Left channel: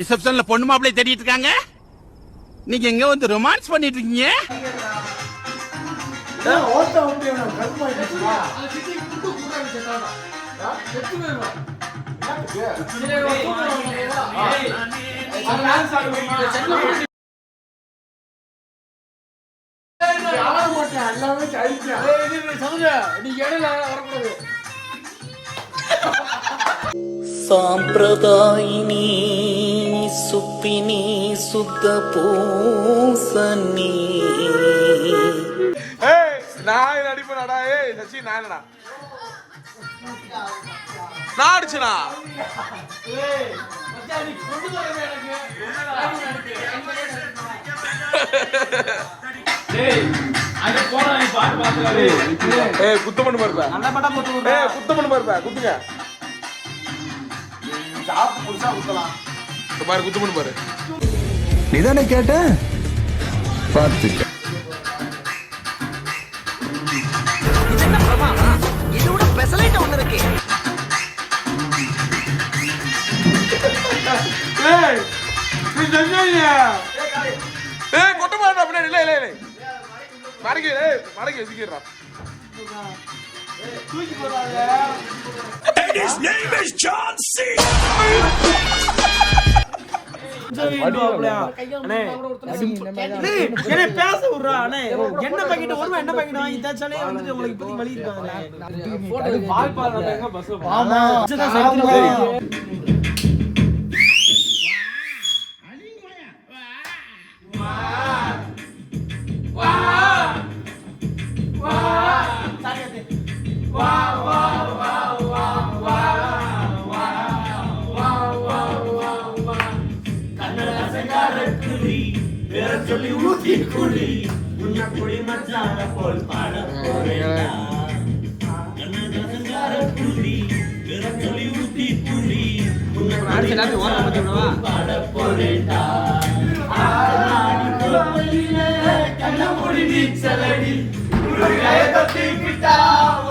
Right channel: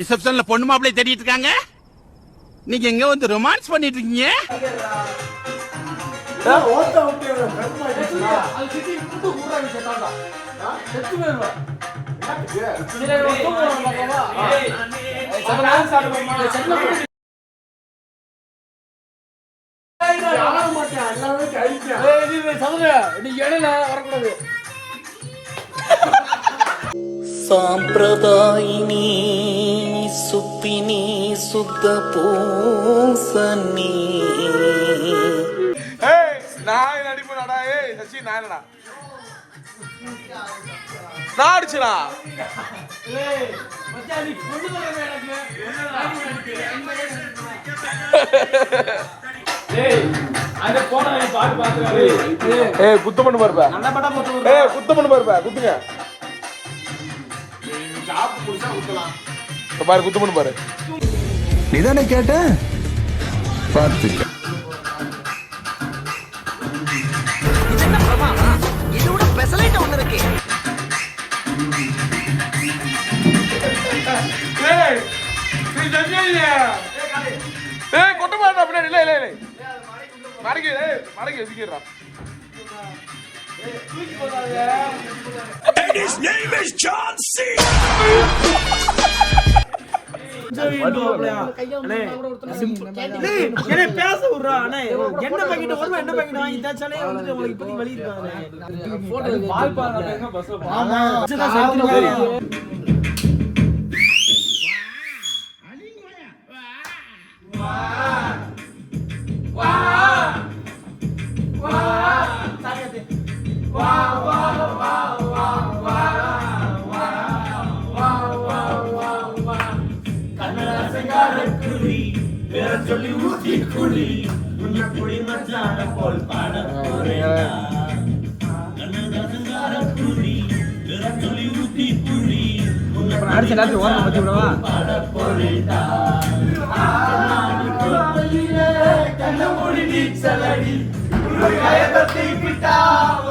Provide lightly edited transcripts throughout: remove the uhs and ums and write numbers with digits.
ரிசப்ஷன்ல பொண்ணு மாப்பிள்ளை தேடிட்டு இருக்காங்க. நீங்க எங்க வந்து ரொமான்ஸ் பண்ணிட்டு இருக்கீங்க? சாம்பிரதாயினி சுப்பினி சுத்த பூசனி. நான் நடிப்பேன்டா. ஏய் சச்சி நானடா. நான் அடிச்சனா? ஏய் மச்சான் நீ கொண்டு வரவே எனக்கு. ஏய் அங்க போடா நீ பாத்து ஏய் குத்து பண்ணு பாருப்பா. நல்ல படம் குத்து. ஏய் குத்து பண்ணு பாருப்பா. குத்துங்க. ஜாப் புடிச்சா குத்தலாம். பாரு குத்து பண்ணு பாரு. நீதானே கேட்ட? பாத்துக்க. இதோட ஸ்பெஷலைட் ஒன்னு இருக்கு. ஏய் நீ ஜங்கல்ல. ஏய் கொட்ட மாட்டா பின்னாடி. இல்ல இல்ல இல்ல. மறக்கே மறக்கே சிக்கிரா. And his name is John C. என்ன பேச விடுறா அண்ணே. என்ன பாக்கெட் ஒரு என்ன பாக்கெட் வாங்கி தாச்சாலே வந்துட்டு உங்களுக்கு இப்போதைக்கு வலி இருக்காங்க. பால் பாருங்க பஸ்ல. ஆமா சொல்லி ஊத்தி குடி உன்ன குடி மச்சான போல் பாட போறேன். கண்ணதாசங்கார குடி சொல்லி ஊத்தி குடி உன்ன குடி மச்சான போல் பாட போறேன்டா. ஆனாடி குளப்பையிலே கண்ண மூடி நீச்சலடி ஒரு கயத்தை விட்டா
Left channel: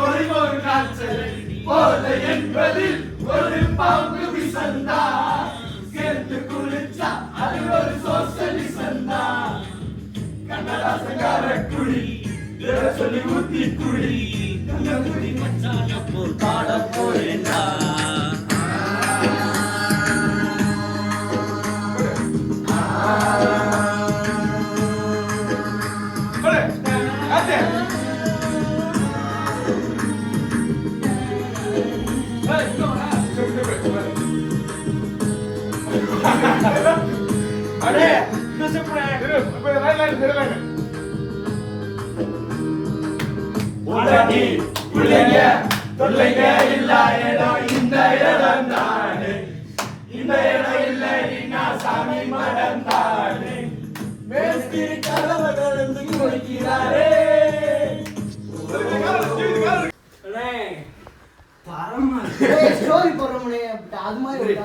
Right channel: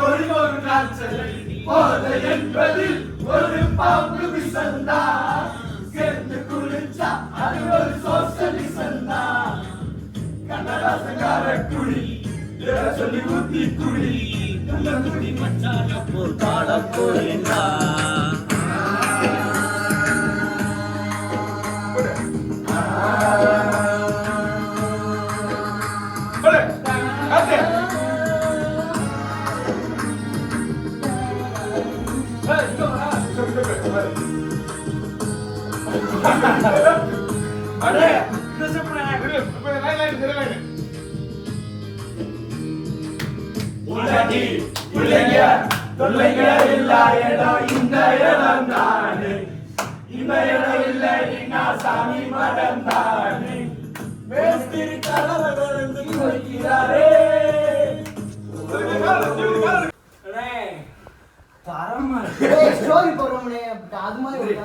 ஒரு நாள் செலடி போல என்பதில் ஒரு பாம்பு விசந்தா சேர்த்து குளிச்சா அது ஒரு சோசலி சந்தா. கண்ணதாசங்கார குடி சொல்லி ஊத்தி குடி கண்ண குடி மச்சான போல் பாட போறேன்டா. அடே உடனே பிள்ளைங்க தொல்லைங்க இல்ல இடம் இந்த இடம் தானே. இந்த இடம் இல்லைன்னா சாமி மடம் தானே. மேஸ்திரி கலவை கலந்து குளிக்கிறாரே. பரமா ஸ்டோரி போறோம்னே அது மாதிரி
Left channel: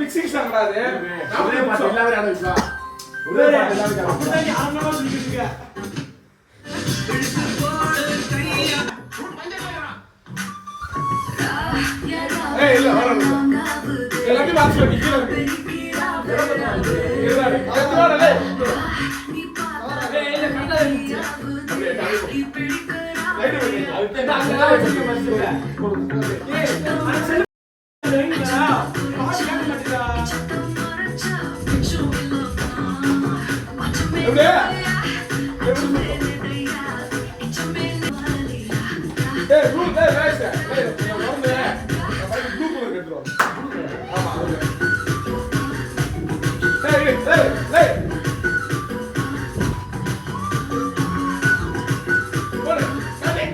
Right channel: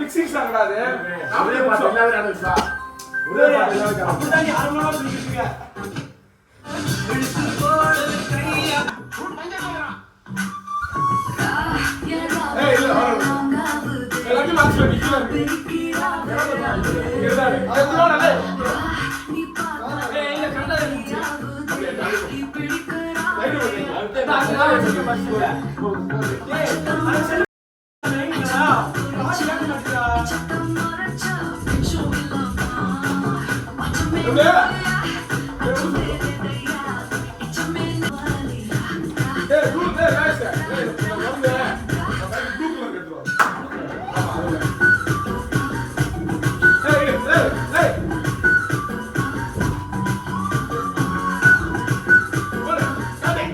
மிக்சிங் சாங்காது ஒரே பாட்டு எல்லாரும் ஆரம்பிச்சா ஒரே பாட்டு எல்லாரும் ஏய் இல்ல வர எல்லாத்தையும் மாத்தி வைக்க கீழ இருக்கு இதுதான் அதுதான் டேய் ஏய் இல்ல கண்டா இருந்துச்சு அப்படியே தாண்டி லைட் வைங்க அதுதான் அதெல்லாம் வச்சு பஸ்ல ஏய் அது செல் லைன்டா பாசி காட்ட மாட்டீங்களா அப்படியே ஏய் டூ டேய் गाइस நான் வரேன் நான் டூ கலர் கட்டுறோம் ஆமா அதுல ஏய் ஏய் ஏய் போடு காடே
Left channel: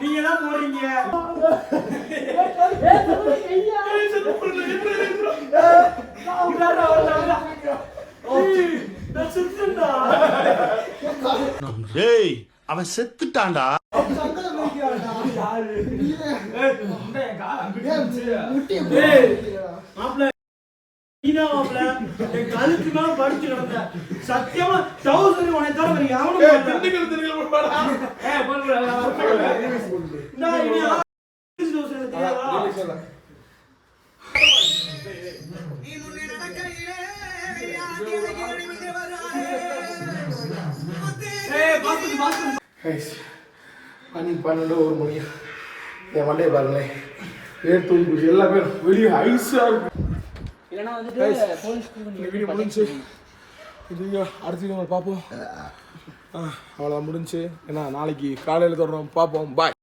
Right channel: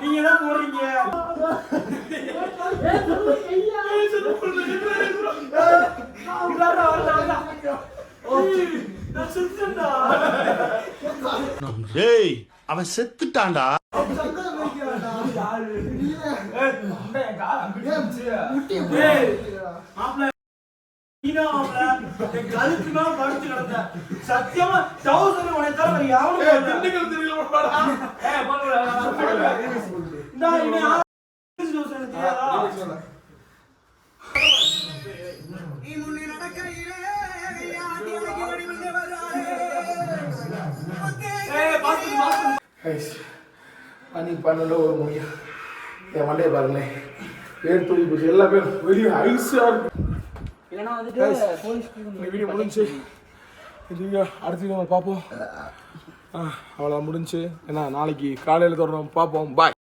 நீங்க தான் போறீங்க டேய் அவன் செத்துட்டான்டா. கழுத்துனா படிச்சு கிடந்த சத்தியமா டவுசர் உனக்கு தவிர வேற யாரும் திண்டுக்கல் திருவிழா போடா அன்னைக்கு 12 ஒரு மணியா என் மண்டையை பாருங்களேன் பேர் தூக்கி போச்சு எல்லா பேரும் வெளியே ஐஸா இருக்கு இல்லைன்னா வந்துட்டு இந்த வீடியோ முடிஞ்சு இதுங்க அடுத்த வீடியோ பார்ப்போம் அவ்வளோதான் முடிஞ்சு ஏன்னா நாளைக்கு காலையில் தொடரும் பார்ப்போம் பாய்